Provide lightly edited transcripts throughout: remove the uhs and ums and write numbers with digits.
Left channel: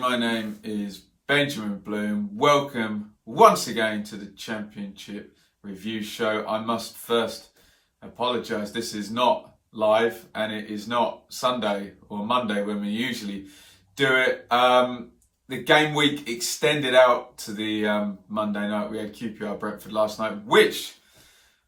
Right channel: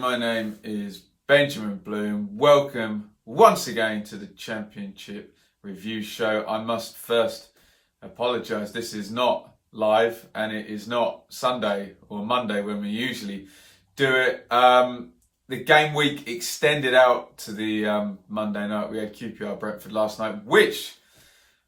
my name is Benjamin Bloom. Welcome once again to the Championship Review Show. I must first apologise, this is not live and it is not Sunday or Monday when we usually do it. The game week extended out to the Monday night. We had QPR Brentford last night, which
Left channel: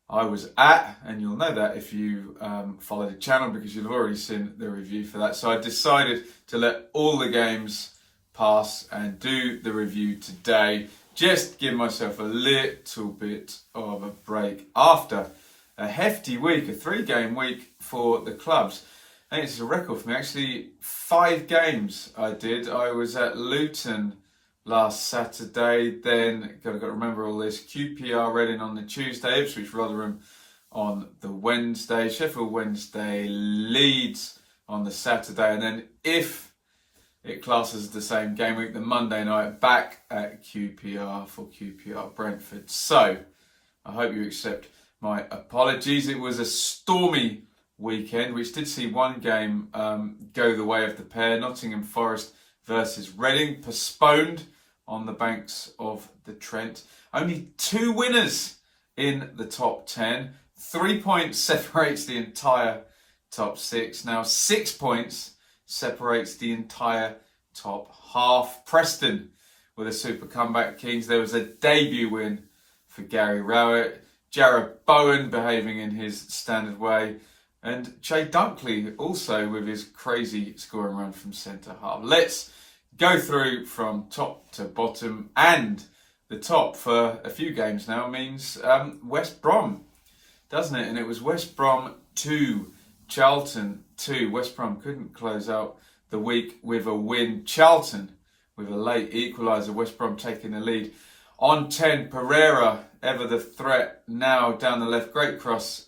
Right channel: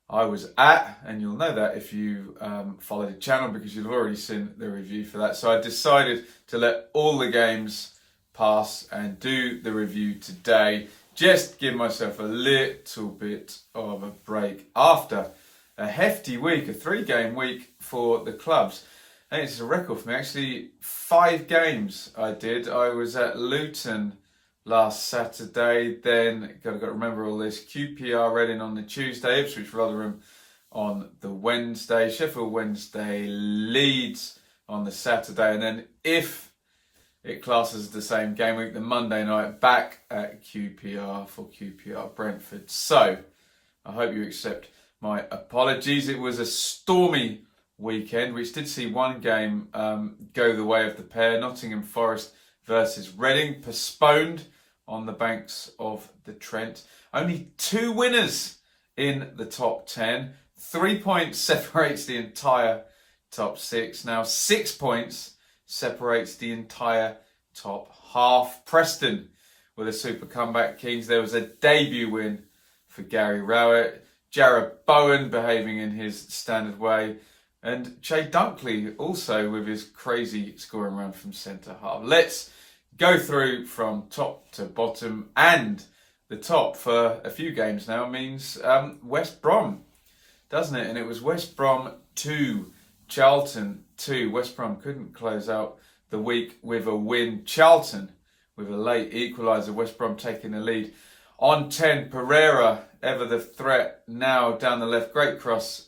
I was at, and you'll know that if you follow the channel because you'll have already seen the review for that. So I decided to let all the games pass and do the review today. Just give myself a little bit of a break after a hefty week, a 3-game week for the clubs. I think it's a record for me. Actually, 5 games I did. I was at Luton last Saturday, then got to remember all this. QPR Reading on the Tuesday, Ipswich Rotherham on the Wednesday, Sheffield Wednesday, Leeds on the Saturday, and then if it classes the same game week, the Monday night back at QPR for QPR Brentford. So I hope you accept my apologies. It was a stormy weekend, which did see one game go the way of the pair. Nottingham Forest versus Reading, postponed on the banks of the Trent. Only 2 winners in the top 10. 3 points separates the entire top 6. Now 6 points separates the entire top half. Preston with a super comeback kings. There was a debut win for Gary Rowett. Jarrod Bowen behaving in his standard way. And Che Dunkley also with his crazy scoring run from centre half. Let's go through from top to bottom, and the top for a few games now means West Brom, doesn't it? And it was West Brom 2, Charlton 2. West Brom couldn't close out the week with a win. Charlton with a late equaliser. West Brom taking the lead on 10. Pereira, ever the threat, now down the left. Great cross.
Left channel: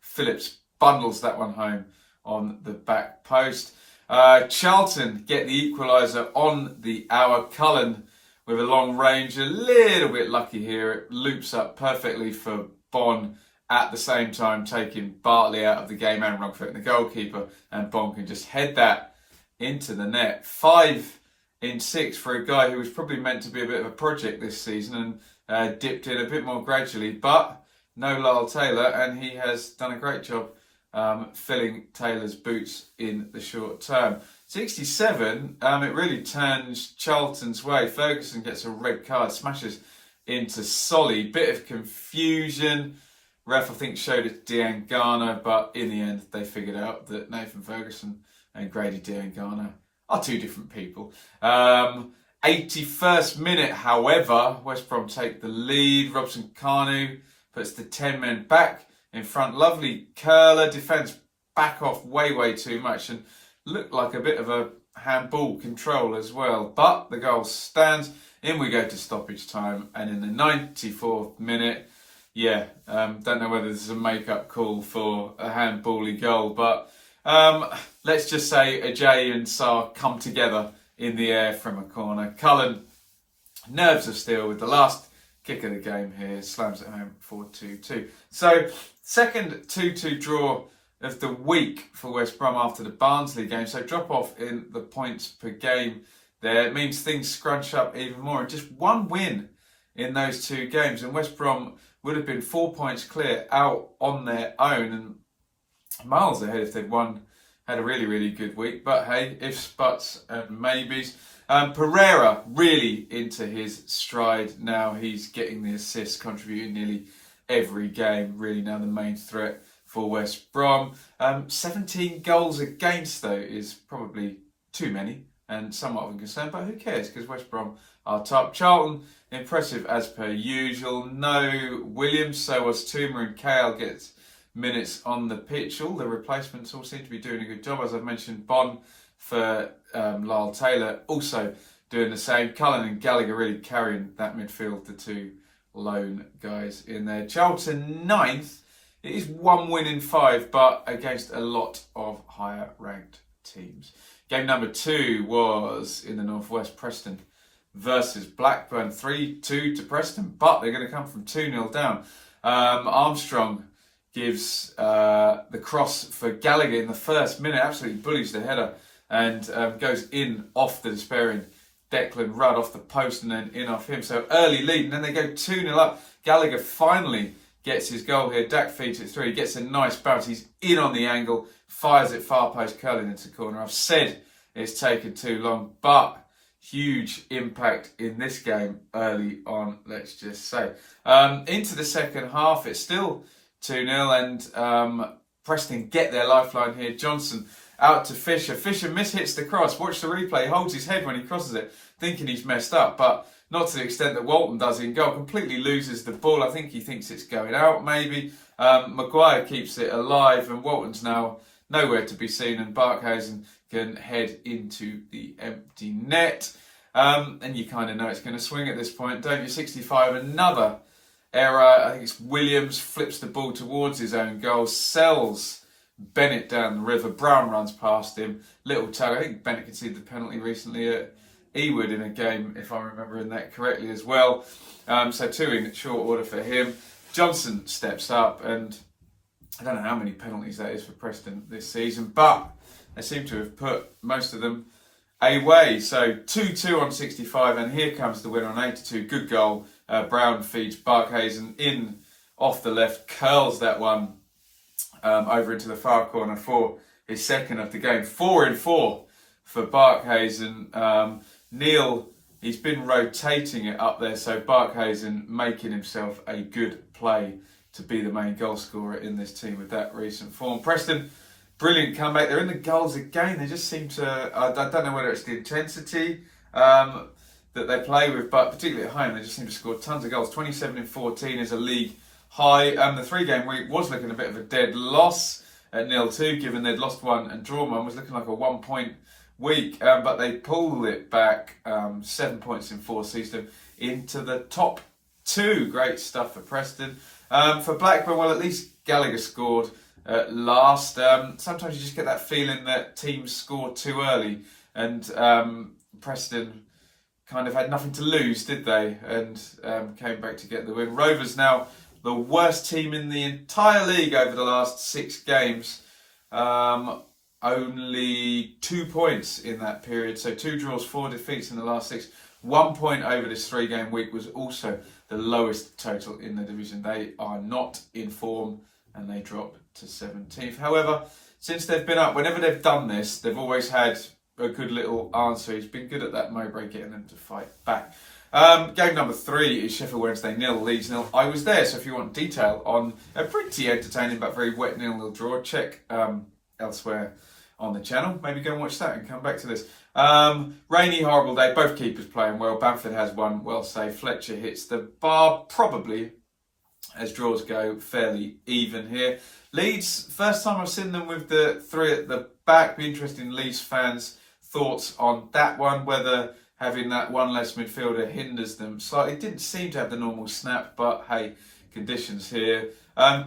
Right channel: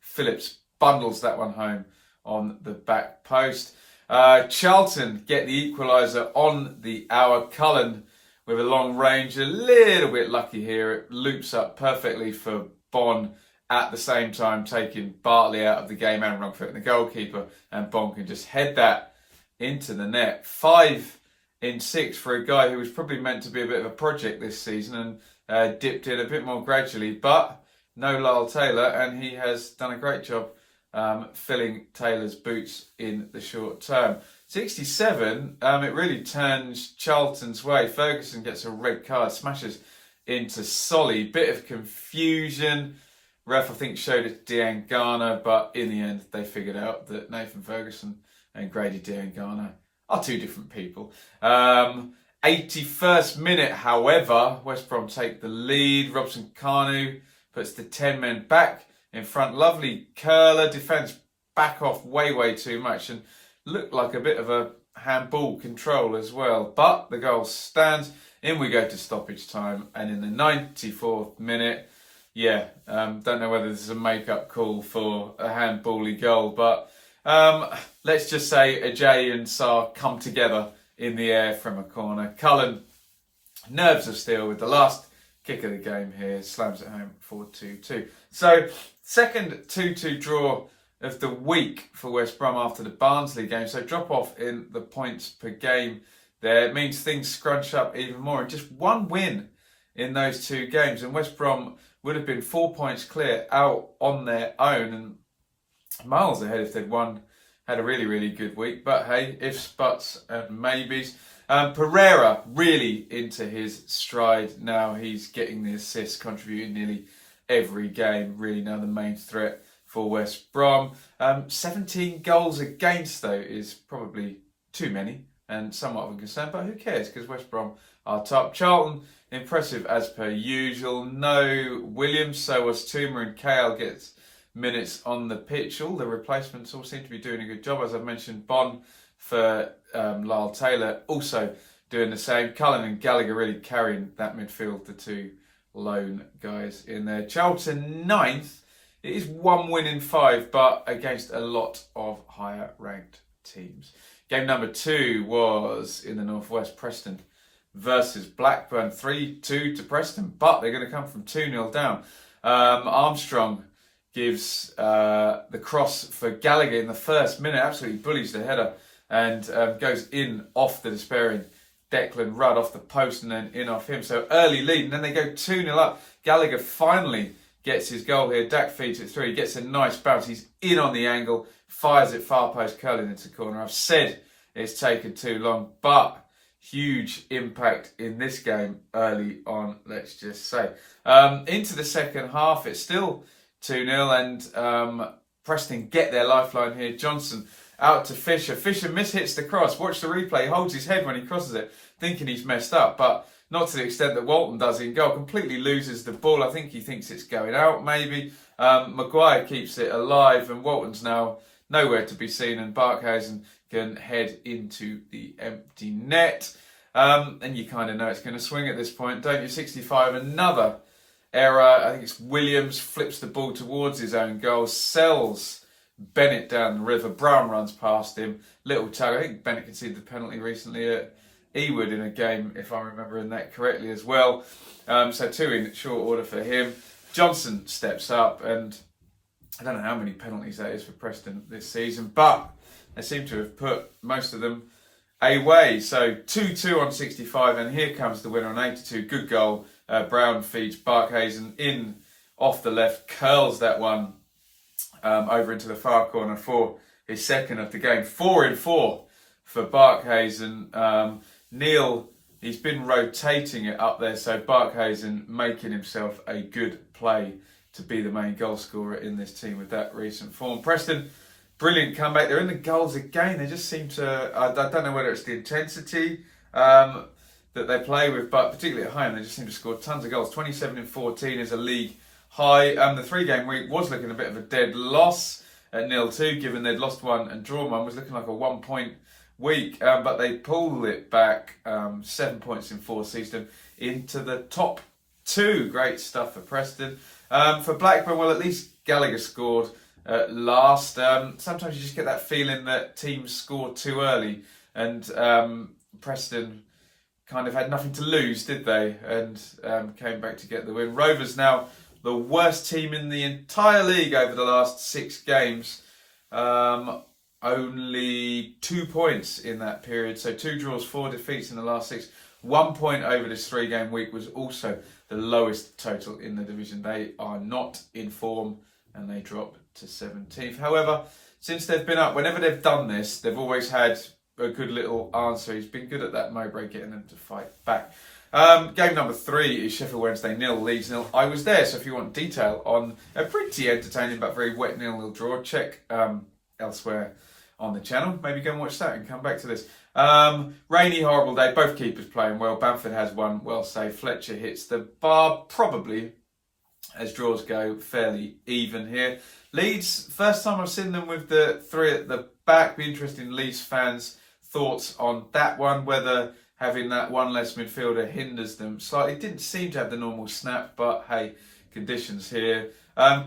Phillips bundles that one home on the back post. Charlton get the equaliser on the hour. Cullen with a long range, a little bit lucky here. It loops up perfectly for Bon, at the same time taking Bartley out of the game and Rugfoot, the goalkeeper, and Bon can just head that into the net. 5 in 6 for a guy who was probably meant to be a bit of a project this season and dipped in a bit more gradually, but no Lyle Taylor, and he has done a great job filling Taylor's boots in the short term. 67, it really turns Charlton's way. Ferguson gets a red card, smashes into Solly. Bit of confusion. Ref, I think, showed it to Diangana, but in the end, they figured out that Nathan Ferguson and Grady Diangana are 2 different people. 81st minute, however, West Brom take the lead. Robson Kanu puts the 10 men back in front. Lovely curler, defence back off way too much and looked like a bit of a handball control as well. But the goal stands. In we go to stoppage time, and in the 94th minute, don't know whether this is a make-up call for a handbally goal, but let's just say Ajay and Sarr come together in the air from a corner. Cullen, nerves of steel with the last kick of the game here, slams it home for 2-2. So, second 2-2 draw of the week for West Brom after the Barnsley game. So, drop off in the points per game there. It means things scrunch up even more. And just 1 win in those 2 games. And West Brom would have been 4 points clear out on their own and miles ahead if they'd had a really good week. But hey, ifs, buts and maybes. Pereira really into his stride now. He's getting the assists, contributing nearly every game. Really now the main threat for West Brom. 17 goals against, though, is probably too many and somewhat of a concern. But who cares? Because West Brom are top. Charlton, impressive as per usual. No Williams, so was Tuma, and Kale gets minutes on the pitch. All the replacements all seem to be doing a good job. As I've mentioned, Bon for Lyle Taylor also doing the same. Cullen and Gallagher really carrying that midfield, the 2 lone guys in there. Charlton 9th. It is 1 win in 5, but against a lot of higher ranked teams. Game number 2 was in the Northwest. Preston versus Blackburn. 3-2 to Preston, but they're going to come from 2-0 down. Armstrong gives the cross for Gallagher in the first minute, absolutely bullies the header and goes in off the despairing Declan Rudd off the post and then in off him. So early lead, and then they go 2-0 up. Gallagher finally gets his goal here. Dak feeds it through. He gets a nice bounce. He's in on the angle, fires it far post, curling into the corner. I've said it's taken too long, but huge impact in this game early on, let's just say. Into the second half, it's still 2-0, and Preston get their lifeline here. Johnson out to Fisher. Fisher mishits the cross. Watch the replay. He holds his head when he crosses it, thinking he's messed up, but not to the extent that Walton does in goal. Completely loses the ball. I think he thinks it's going out, maybe. Maguire keeps it alive, and Walton's now nowhere to be seen, and Barkhuizen can head into the empty net. And you kind of know it's going to swing at this point, don't you? 65, another error. I think it's Williams flips the ball towards his own goal, sells Bennett down the river. Brown runs past him. Little tug. I think Bennett conceded the penalty recently at Ewood in a game, if I'm remembering that correctly as well. So 2 in short order for him. Johnson steps up, and I don't know how many penalties that is for Preston this season, but they seem to have put most of them away. So 2-2 on 65, and here comes the winner on 82. Good goal. Brown feeds Barkhuizen in off the left, curls that one over into the far corner for his second of the game. 4 in 4 for Barkhuizen. Neil, he's been rotating it up there, so Barkhuizen making himself a good play to be the main goal scorer in this team with that recent form. Preston, brilliant comeback. They're in the goals again. They just seem to, I don't know whether it's the intensity that they play with, but particularly at home, they just seem to score tons of goals. 27 in 14 is a league high. The 3-game week was looking a bit of a dead loss at 0-2, given they'd lost one and drawn one. Was looking like a 1-point week, but they pulled it back 7 points in 4 seasons into the top 2. Great stuff for Preston. For Blackburn, well, at least Gallagher scored at last. Sometimes you just get that feeling that teams score too early, and Preston kind of had nothing to lose, did they? And came back to get the win. Rovers now the worst team in the entire league over the last 6 games. Only 2 points in that period. So 2 draws, 4 defeats in the last 6. 1 point over this 3-game week was also the lowest total in the division. They are not in form, and they dropped to 17th. However, since they've been up, whenever they've done this, they've always had a good little answer. He's been good at that, Mowbray, getting them to fight back. Game number 3 is Sheffield Wednesday 0, Leeds 0. I was there, so if you want detail on a pretty entertaining but very wet 0-0 draw, check elsewhere on the channel. Maybe go and watch that and come back to this. Rainy, horrible day. Both keepers playing well. Bamford has one well saved. Fletcher hits the bar. Probably, as draws go, fairly even here. Leeds, first time I've seen them with the 3 at the back. Be interested in Leeds fans' thoughts on that one, whether having that one less midfielder hinders them slightly. Didn't seem to have the normal snap, but hey, conditions here.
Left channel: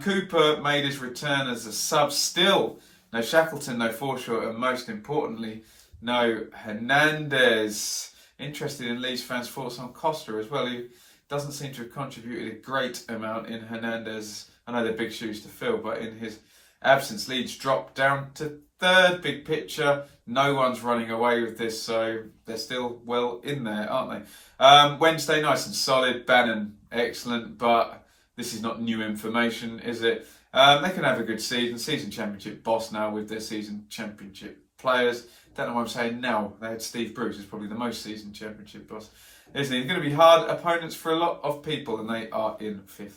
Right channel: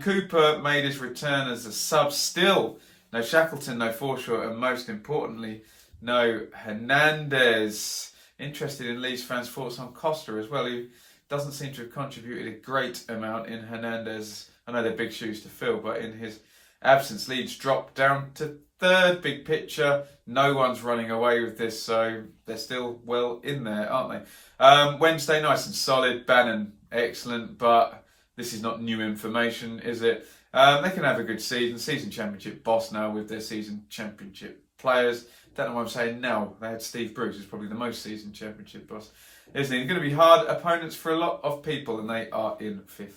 Cooper made his return as a sub. Still, no Shackleton, no Forshaw, and most importantly, no Hernandez. Interested in Leeds fans' thoughts on Costa as well, who doesn't seem to have contributed a great amount in Hernandez. I know they're big shoes to fill, but in his absence, Leeds dropped down to 3rd. Big picture, no one's running away with this, so they're still well in there, aren't they? Wednesday, nice and solid. Bannon, excellent, but this is not new information, is it? They can have a good season championship boss now with their season championship players. Don't know what I'm saying now. They had Steve Bruce, who's probably the most season championship boss, isn't he? They're going to be hard opponents for a lot of people, and they are in 5th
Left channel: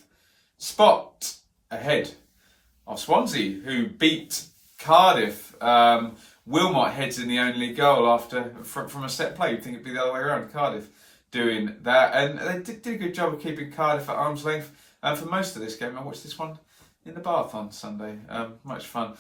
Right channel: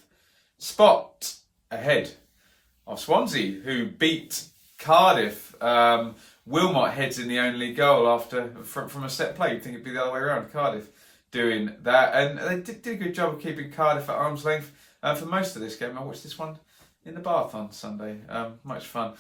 spot, ahead of Swansea, who beat Cardiff. Wilmot heads in the only goal from a set play. You'd think it'd be the other way around. Cardiff doing that, and they did a good job of keeping Cardiff at arm's length for most of this game. I watched this one in the bath on Sunday. Much fun.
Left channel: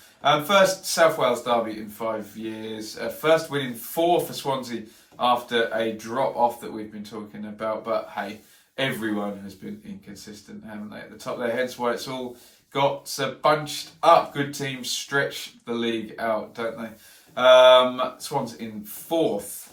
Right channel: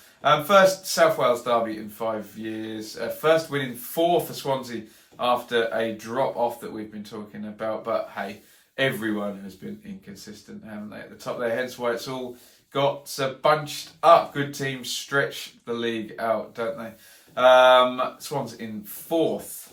First South Wales derby in 5 years. First win in 4 for Swansea after a drop off that we've been talking about. But hey, everyone has been inconsistent, haven't they, at the top there? Hence why it's all got bunched up. Good teams stretch the league out, don't they? Swans in 4th.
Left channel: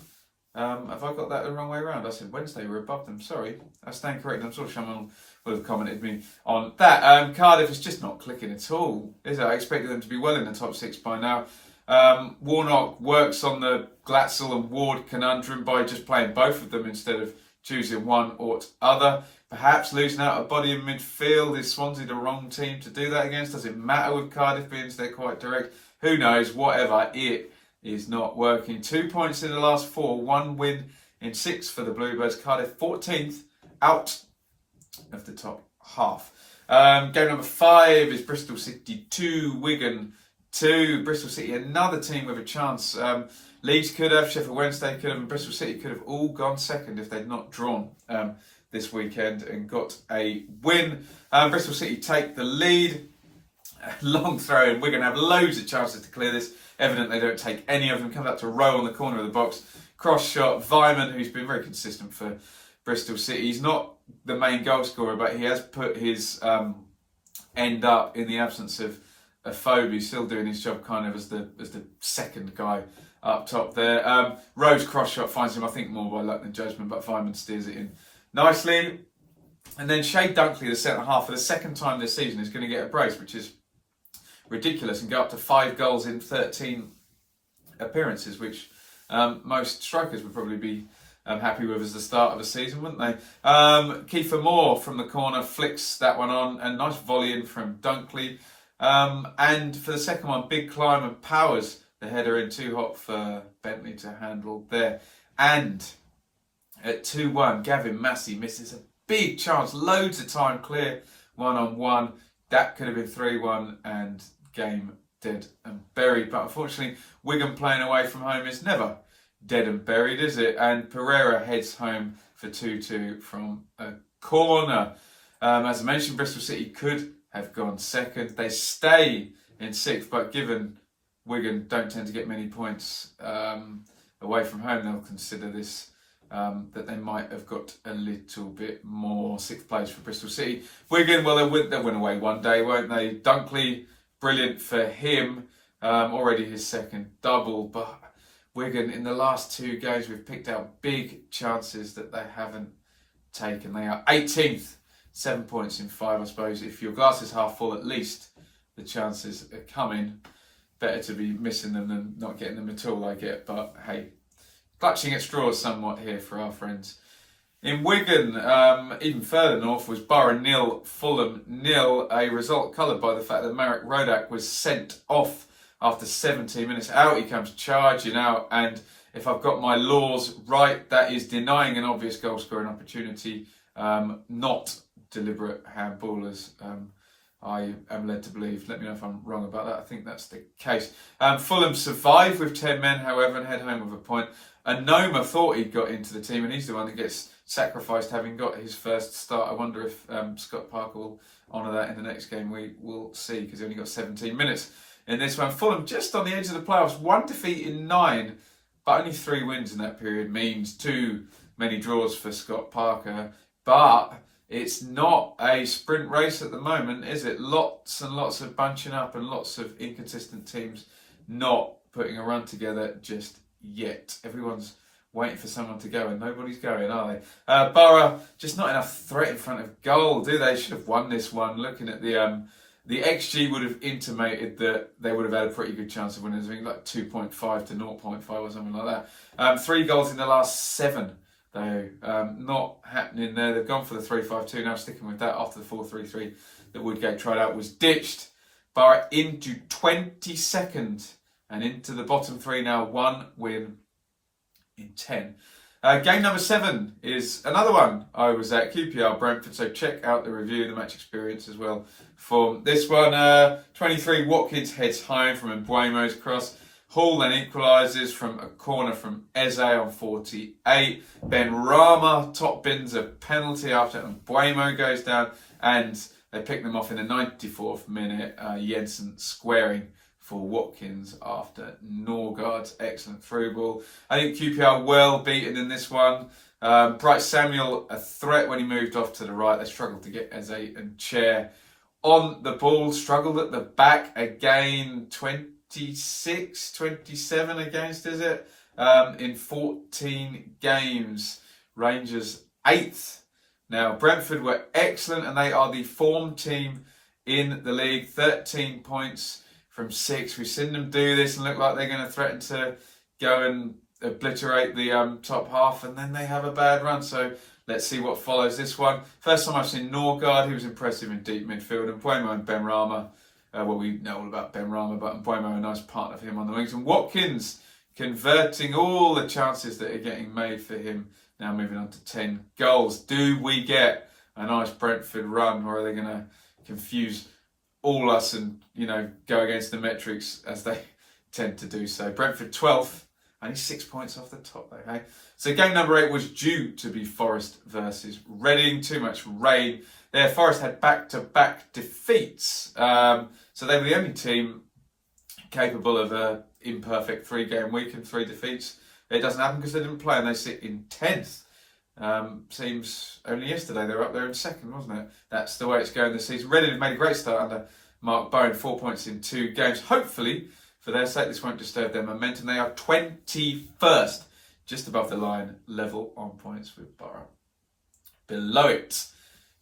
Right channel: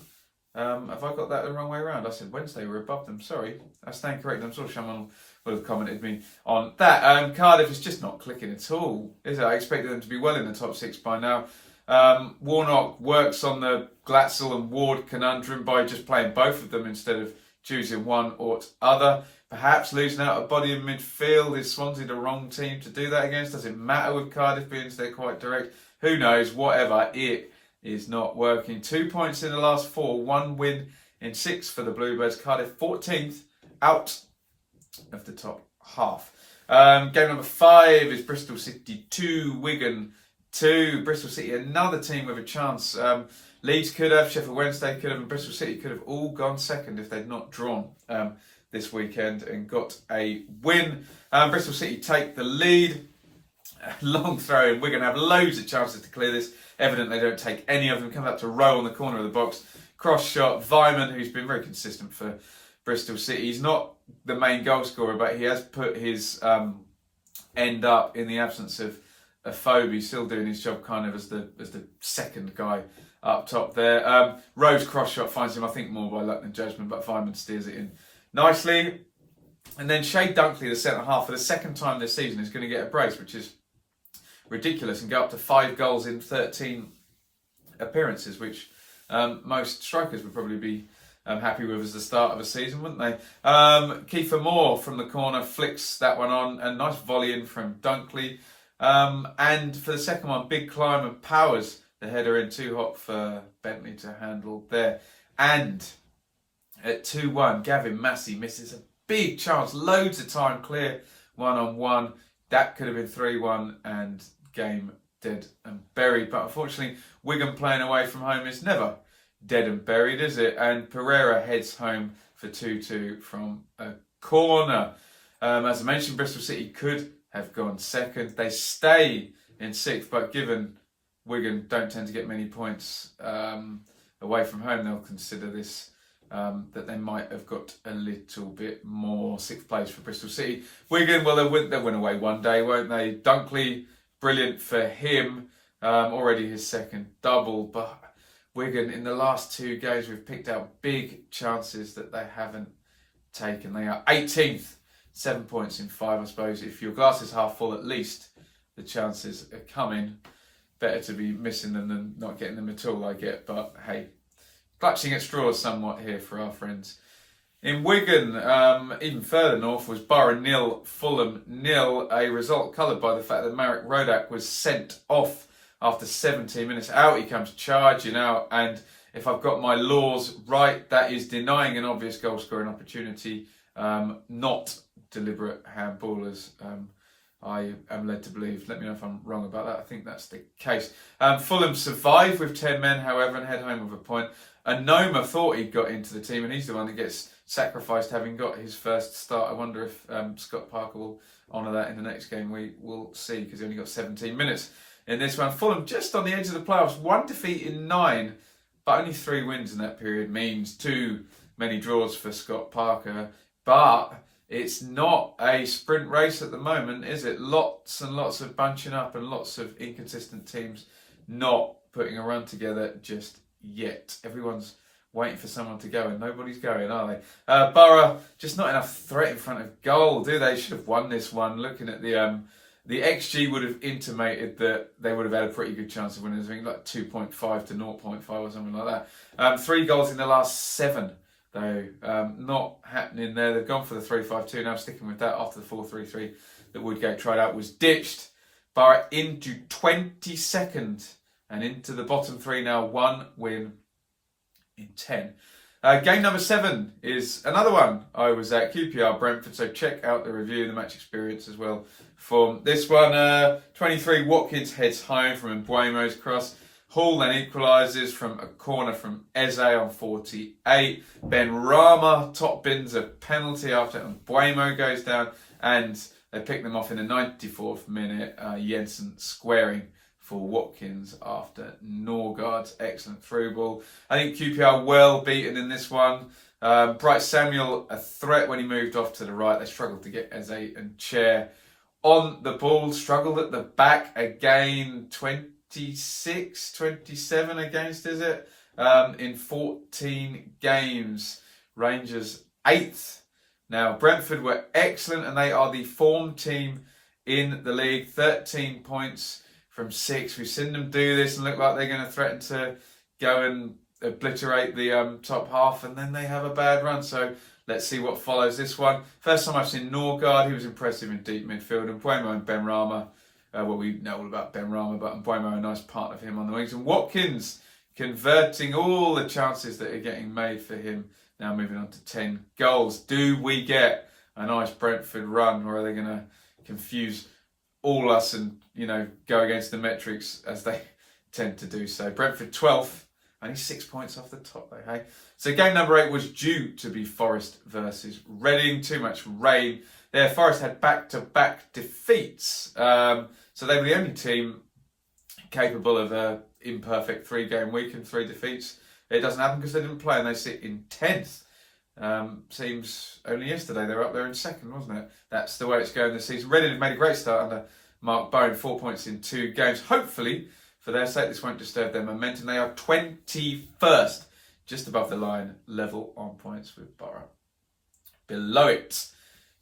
Have I got that the wrong way around? I said Wednesday were above them. Sorry, I stand corrected. I'm sure someone will have commented me on that. Cardiff is just not clicking at all, is it? I expected them to be well in the top 6 by now. Warnock works on the Glatzel and Ward conundrum by just playing both of them instead of choosing one or other. Perhaps losing out a body in midfield. Is Swansea the wrong team to do that against? Does it matter with Cardiff being so quite direct? Who knows? Whatever. It is not working. 2 points in the last 4. 1 win in 6 for the Bluebirds. Cardiff 14th out of the top half. Game number 5 is Bristol City 2, Wigan 2. Bristol City, another team with a chance. Leeds could have, Sheffield Wednesday could have, and Bristol City could have all gone second if they'd not drawn this weekend and got a win. Bristol City take the lead. Long throw in. Wigan have loads of chances to clear this. Evident they don't take any of them. Come back to Rowe on the corner of the box. Cross shot. Vyman, who's been very consistent for Bristol City. He's not the main goal scorer, but he has put his end up in the absence of Phoebe. He's still doing his job kind of as the second guy up top there. Rowe's cross shot finds him, I think, more by luck than judgment, but Vyman steers it in nicely. And then Shay Dunkley, the centre half, for the second time this season, is going to get a brace, which is ridiculous, and go up to 5 goals in 13 appearances, which most strikers would probably be happy with as the start of a season, wouldn't they? Kiefer Moore from the corner flicks that one on. A nice volley in from Dunkley. And for the second one, big climb and powers the header in, too hot for Bentley to handle there. And at 2-1, Gavin Massey misses a big chance, loads of time clear, 1-on-1. That could have been 3-1 and game dead and buried. But unfortunately, Wigan playing away from home is never dead and buried, is it? And Pereira heads home for 2-2 from a corner. As I mentioned, Bristol City could have gone second. They stay in 6th, but given Wigan don't tend to get many points away from home, they'll consider this that they might have got a little bit more. 6th place for Bristol City. Wigan, well, they'll win away one day, won't they? Dunkley, brilliant for him. Already his second double, but Wigan, in the last 2 games, we've picked out big chances that they haven't taken. They are 18th, 7 points in 5, I suppose. If your glass is half full, at least the chances are coming. Better to be missing them than not getting them at all, I get. But hey, clutching at straws somewhat here for our friends. In Wigan, even further north, was Borough 0, Fulham 0. A result coloured by the fact that Marek Rodak was sent off after 17 minutes. Out he comes charging out, and if I've got my laws right, that is denying an obvious goal scoring opportunity, not deliberate handballers. I am led to believe. Let me know if I'm wrong about that. I think that's the case. Fulham survive with 10 men, however, and head home with a point. Noma thought he'd got into the team, and he's the one that gets sacrificed having got his first start. I wonder if Scott Parker will honour that in the next game. We will see, because he only got 17 minutes in this one. Fulham just on the edge of the playoffs. 1 defeat in 9, but only 3 wins in that period means too many draws for Scott Parker. But it's not a sprint race at the moment, is it? Lots and lots of bunching up and lots of inconsistent teams not putting a run together just yet. Everyone's waiting for someone to go and nobody's going, are they? Borough, just not enough threat in front of goal, do they? Should have won this one. Looking at the XG would have intimated that they would have had a pretty good chance of winning. I think like 2.5 to 0.5 or something like that. 3 goals in the last 7. Though not happening there. They've gone for the 3-5-2 now, sticking with that after the 4-3-3 that Woodgate tried out was ditched. Borough into 22nd and into the bottom 3 now, 1 win in 10. Game number 7 is another one I was at, QPR Brentford, so check out the review and the match experience as well for this one. 23 Watkins heads home from Mbuemo's cross. Hall then equalises from a corner from Eze on 48. Ben Rama top bins a penalty after Mbuemo goes down, and they pick them off in the 94th minute. Jensen squaring for Watkins after Norgard's excellent through ball. I think QPR well beaten in this one. Bright Samuel a threat when he moved off to the right. They struggled to get Eze and Chair on the ball. Struggled at the back again. 26, 27 against, is it? In 14 games. Rangers 8th. Now, Brentford were excellent, and they are the form team in the league. 13 points from 6. We've seen them do this and look like they're going to threaten to go and obliterate the top half, and then they have a bad run. So let's see what follows this one. First time I've seen Norgard. He was impressive in deep midfield. And Mbuemo and Benrahma. Well, we know all about Benrahma, but Mbuemo, a nice partner for him on the wings. And Watkins converting all the chances that are getting made for him. Now moving on to 10 goals. Do we get a nice Brentford run, or are they going to confuse all us and, go against the metrics as they tend to do so? Brentford 12th, only 6 points off the top though, hey? So game number 8 was due to be Forest versus Reading. Too much rain there. Forest had back-to-back defeats. So they were the only team capable of an imperfect 3-game week and 3 defeats. It doesn't happen because they didn't play and they sit in 10th. Seems only yesterday they were up there in 2nd, wasn't it? That's the way it's going this season. Reading have made a great start under Mark Bowen, 4 points in 2 games. Hopefully, for their sake, this won't disturb their momentum. They are 21st, just above the line, level on points with Borough. Below it,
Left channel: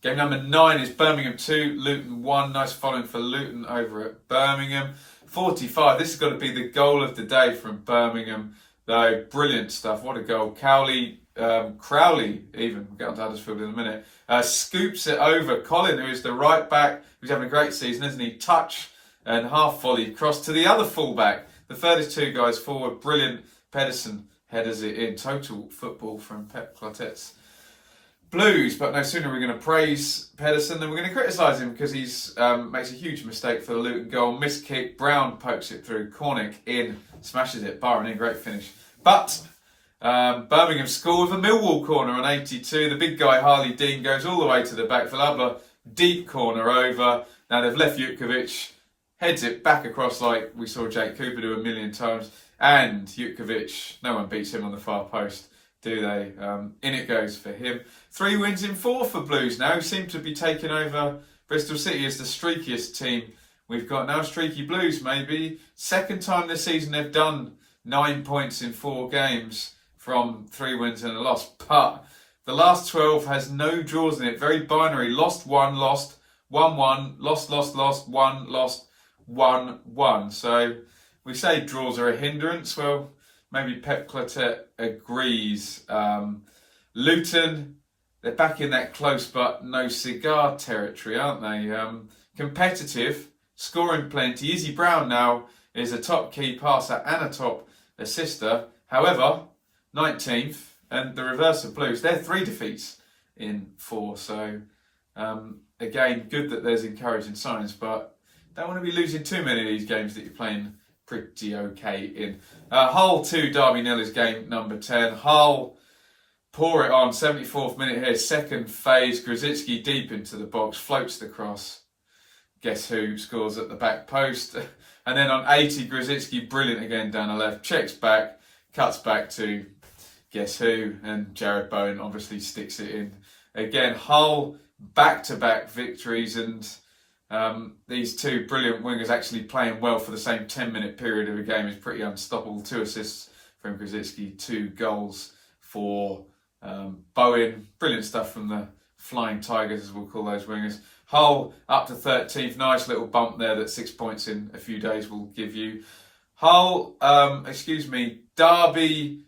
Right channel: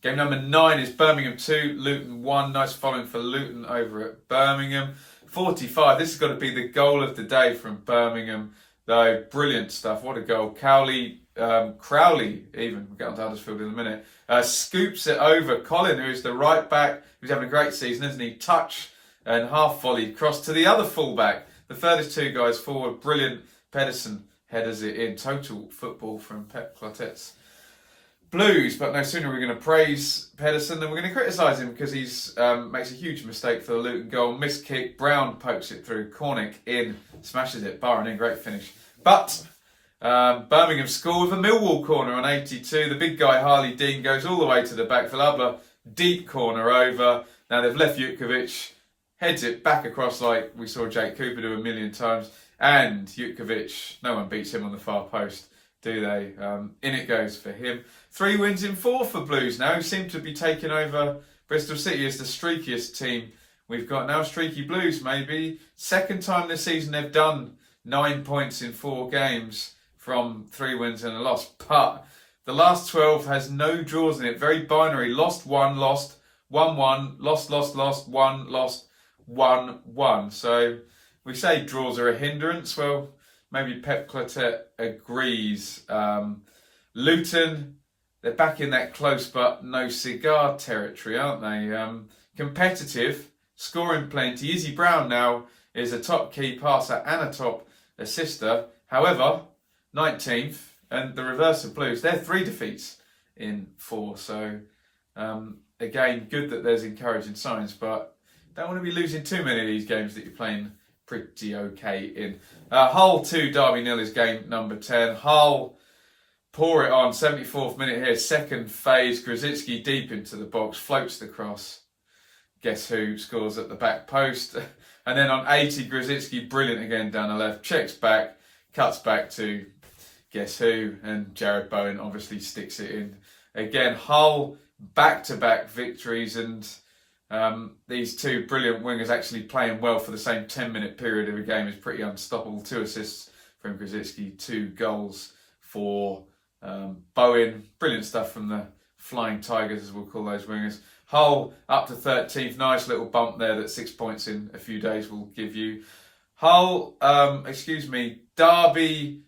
game number 9 is Birmingham 2, Luton 1. Nice following for Luton over at Birmingham. 45, this has got to be the goal of the day from Birmingham, though. Brilliant stuff. What a goal. Crowley, even. We'll get on to Huddersfield in a minute. Scoops it over. Colin, who is the right back, who's having a great season, isn't he? Touch and half volley. Cross to the other fullback. The furthest 2 guys forward. Brilliant. Pedersen headers it in. Total football from Pep Clotet's Blues. But no sooner are we going to praise Pedersen than we're going to criticise him, because he's makes a huge mistake for the Luton goal. Missed kick. Brown pokes it through. Cornick in. Smashes it. Barron in. Great finish. But Birmingham score with a Millwall corner on 82. The big guy, Harley Dean, goes all the way to the back. Vilabla, deep corner over. Now they've left Jutkovic, heads it back across like we saw Jake Cooper do a million times. And Jutkovic, no one beats him on the far post, do they? In it goes for him. 3 wins in 4 for Blues now, who seem to be taking over Bristol City as the streakiest team we've got now. Streaky Blues, maybe. 2nd time this season they've done 9 points in 4 games. From 3 wins and a loss. But the last 12 has no draws in it. Very binary. Lost 1, lost 1-1, lost, 1, lost 1-1. So we say draws are a hindrance. Well, maybe Pep Clotet agrees. Luton, they're back in that close but no cigar territory, aren't they? Competitive, scoring plenty. Izzy Brown now is a top key passer and a top assister. However, 19th, and the reverse of Blues. They're 3 defeats in 4. So, again, good that there's encouraging signs, but don't want to be losing too many of these games that you're playing pretty okay in. Hull 2, Derby 0 is game number 10. Hull pour it on, 74th minute here, 2nd phase. Grzycki deep into the box, floats the cross. Guess who scores at the back post? And then on 80, Grzycki, brilliant again down the left, checks back, cuts back to guess who, and Jared Bowen obviously sticks it in. Again, Hull back-to-back victories, and these 2 brilliant wingers actually playing well for the same 10-minute period of a game is pretty unstoppable. 2 assists from Grzycki, 2 goals for Bowen. Brilliant stuff from the Flying Tigers, as we'll call those wingers. Hull up to 13th. Nice little bump there that 6 points in a few days will give you. Hull, Derby,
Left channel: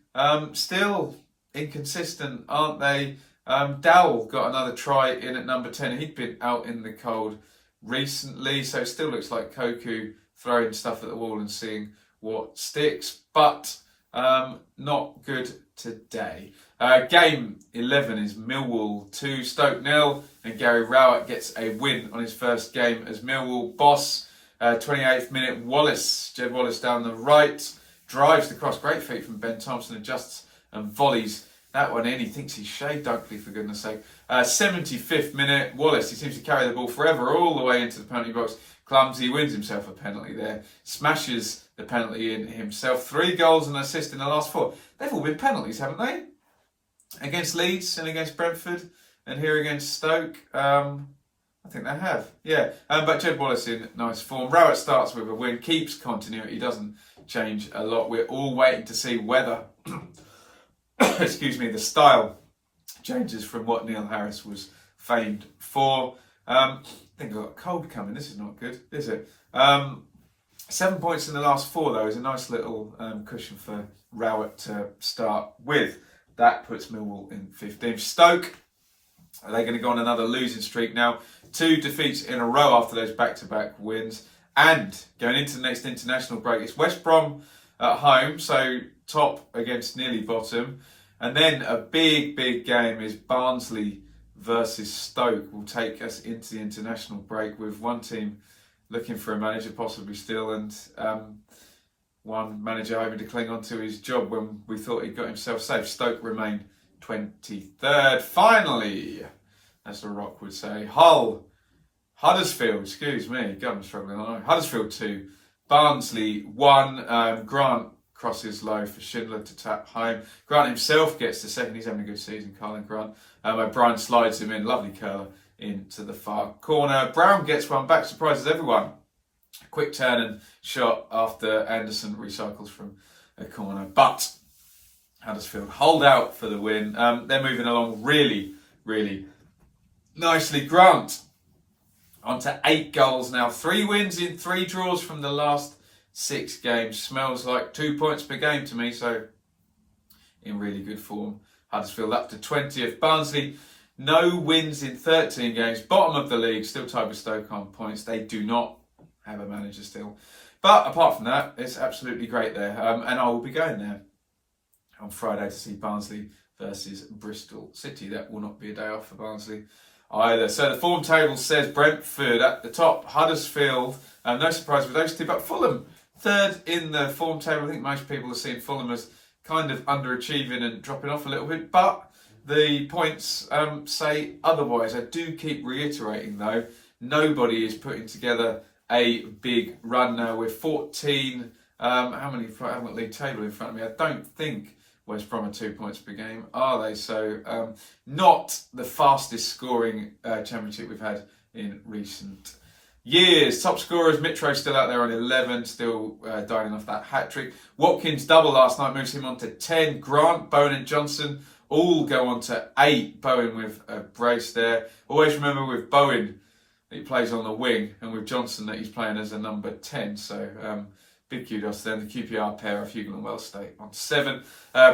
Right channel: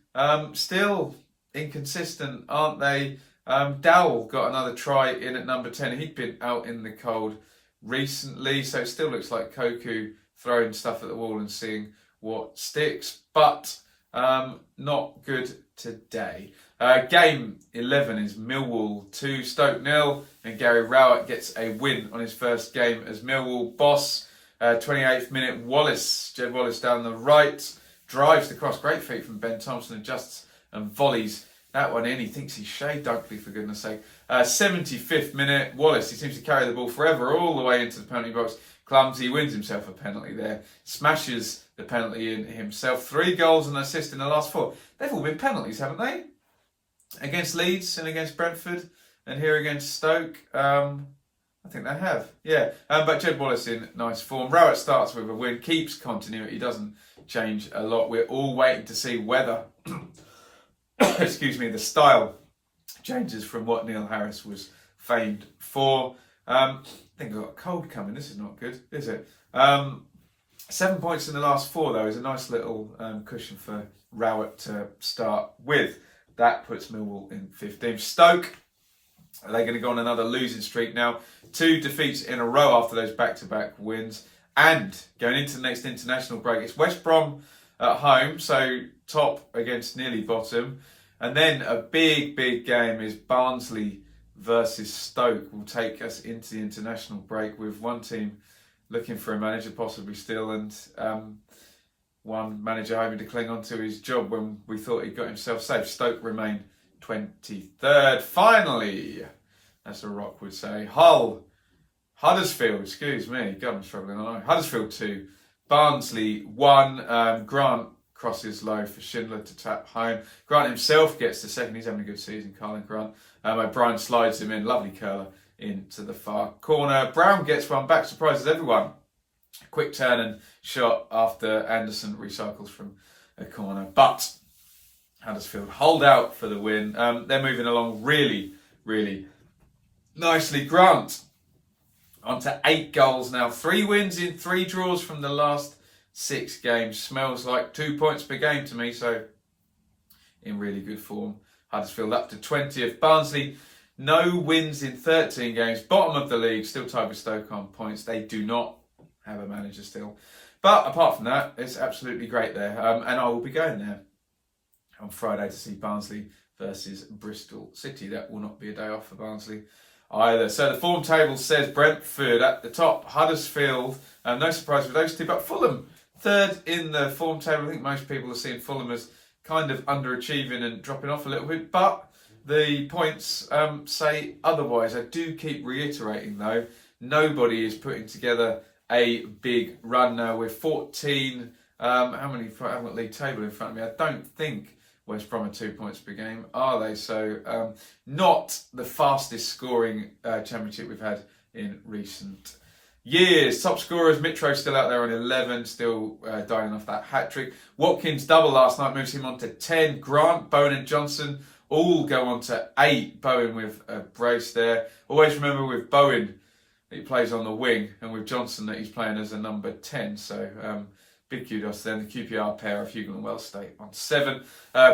still inconsistent, aren't they? Dowell got another try in at number 10. He'd been out in the cold recently, so it still looks like Koku throwing stuff at the wall and seeing what sticks, but not good today. Game 11 is Millwall 2, Stoke 0, and Gary Rowett gets a win on his first game as Millwall boss. 28th minute, Jed Wallace down the right, drives the cross, great feet from Ben Thompson, adjusts and volleys that one in. He thinks he's Shay Dunkley, for goodness sake. 75th minute, Wallace, he seems to carry the ball forever all the way into the penalty box. Clumsy, wins himself a penalty there, smashes the penalty in himself. 3 goals and an assist in the last 4. They've all been penalties, haven't they? Against Leeds and against Brentford and here against Stoke. I think they have, yeah. But Jed Wallace in nice form. Rowett starts with a win, keeps continuity, doesn't change a lot. We're all waiting to see whether, the style changes from what Neil Harris was famed for. I think I've got a cold coming. This is not good, is it? 7 points in the last 4, though, is a nice little cushion for Rowett to start with. That puts Millwall in 15th. Stoke, are they going to go on another losing streak now? 2 defeats in a row after those back-to-back wins. And going into the next international break, it's West Brom at home, so top against nearly bottom. And then a big game is Barnsley versus Stoke. Will take us into the international break with one team looking for a manager, possibly still, and one manager hoping to cling on to his job when we thought he got himself safe. Stoke remain 23rd. Finally, as The Rock would say, Huddersfield, excuse me, God, I'm struggling along. Huddersfield 2, Barnsley 1. Grant crosses low for Schindler to tap home. Grant himself gets the second. He's having a good season, Colin Grant. O'Brien slides him in, lovely curler into the far corner. Brown gets one back, surprises everyone. Quick turn and shot after Anderson recycles from a corner. But Huddersfield hold out for the win. They're moving along really nicely. Grant on to 8 goals now. 3 wins in 3 draws from the last 6 games. Smells like 2 points per game to me, so in really good form. Huddersfield up to 20th. Barnsley, no wins in 13 games. Bottom of the league, still tied with Stoke on points. They do not have a manager still. But apart from that, it's absolutely great there. And I will be going there on Friday to see Barnsley versus Bristol City. That will not be a day off for Barnsley either. So the form table says Brentford at the top, Huddersfield, no surprise with those two, but Fulham third in the form table. I think most people are seeing Fulham as kind of underachieving and dropping off a little bit, but the points say otherwise. I do keep reiterating though, nobody is putting together a big run now. We're 14, I haven't league table in front of me. I don't think West Brom are 2 points per game, are they? So not the fastest scoring championship we've had in recent years. Top scorers, Mitro still out there on 11, still dining off that hat-trick. Watkins double last night, moves him on to 10. Grant, Bowen and Johnson all go on to 8. Bowen with a brace there. Always remember with Bowen, he plays on the wing, and with Johnson that he's playing as a number 10. So big kudos then. The QPR pair of Hugo and Wells stay on 7.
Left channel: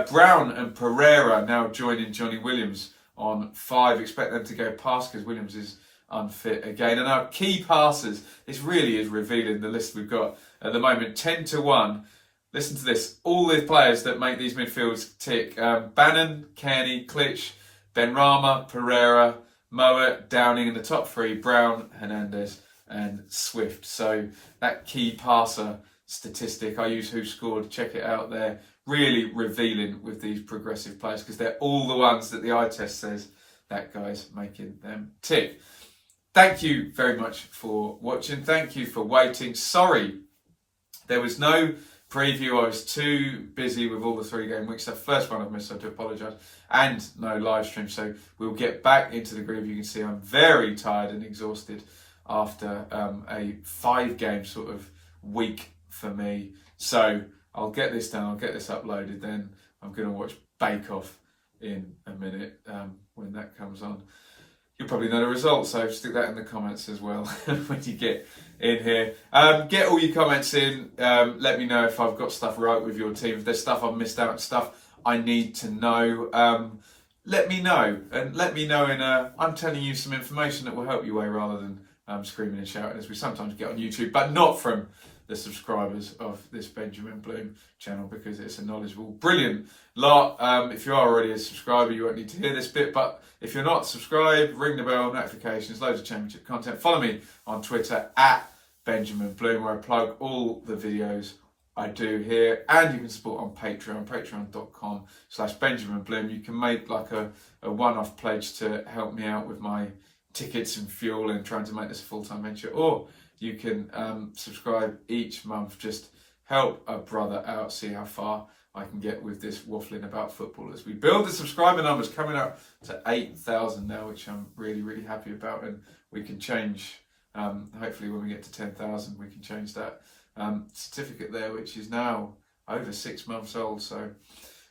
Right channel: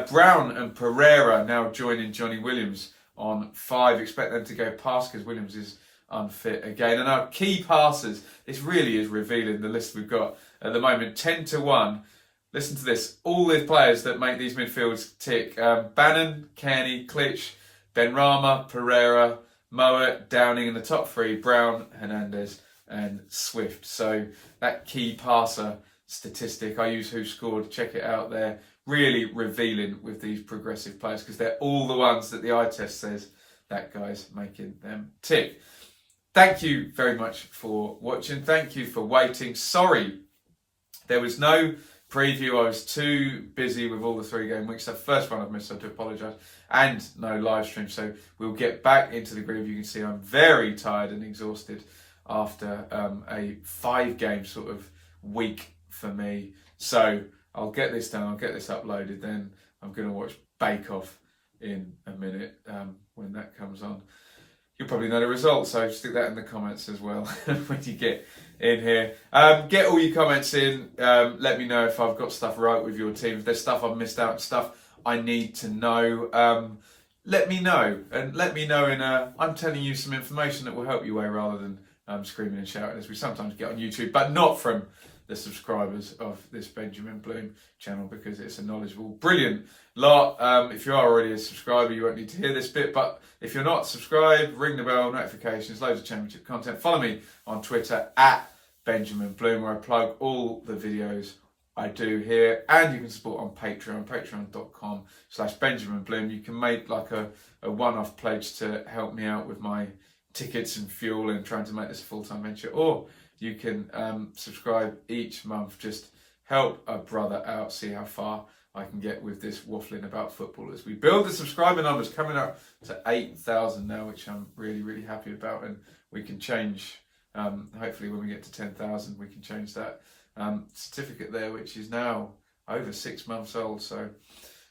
Brown and Pereira now joining Johnny Williams on 5. Expect them to go past because Williams is unfit again. And our key passers, this really is revealing the list we've got at the moment. 10-1. Listen to this. All the players that make these midfields tick. Bannon, Kearney, Klitsch, Benrahma, Pereira, Mowat, Downing in the top 3, Brown, Hernandez and Swift. So that key passer statistic, I use Who Scored, check it out there. Really revealing with these progressive players because they're all the ones that the eye test says that guy's making them tick. Thank you very much for watching. Thank you for waiting. Sorry, there was no preview. I was too busy with all the 3 game weeks. The first one I've missed, so I do apologise. And no live stream, so we'll get back into the groove. You can see I'm very tired and exhausted after a 5 game sort of week for me. So I'll get this done, I'll get this uploaded, then I'm going to watch Bake Off in a minute when that comes on. You'll probably know the results, so stick that in the comments as well when you get in here. Get all your comments in. Let me know if I've got stuff right with your team. If there's stuff I've missed out, stuff I need to know. Let me know. And let me know I'm telling you some information that will help you away rather than screaming and shouting as we sometimes get on YouTube, but not from the subscribers of this Benjamin Bloom channel because it's a knowledgeable, brilliant lot. If you are already a subscriber, you won't need to hear this bit, but if you're not subscribed, ring the bell, notifications, loads of championship content. Follow me on Twitter at Benjamin Bloom, where I plug all the videos I do here, and you can support on Patreon, patreon.com/Benjamin Bloom. You can make like a one-off pledge to help me out with my tickets and fuel and trying to make this a full-time venture, or you can subscribe each month, just help a brother out, see how far I can get with this waffling about football as we build the subscriber numbers, coming up to 8,000 now, which I'm really happy about, and we can change, hopefully when we get to 10,000 we can change that certificate there, which is now over 6 months old, so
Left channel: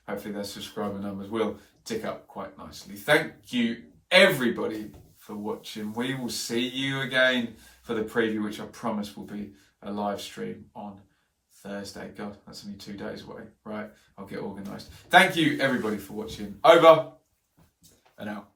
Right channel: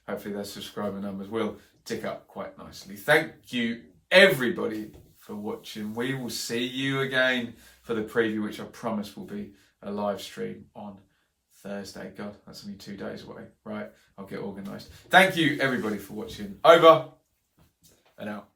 hopefully those subscriber numbers will tick up quite nicely. Thank you everybody for watching. We will see you again for the preview, which I promise will be a live stream on Thursday. God, that's only 2 days away. Right, I'll get organised. Thank you everybody for watching. Over and out.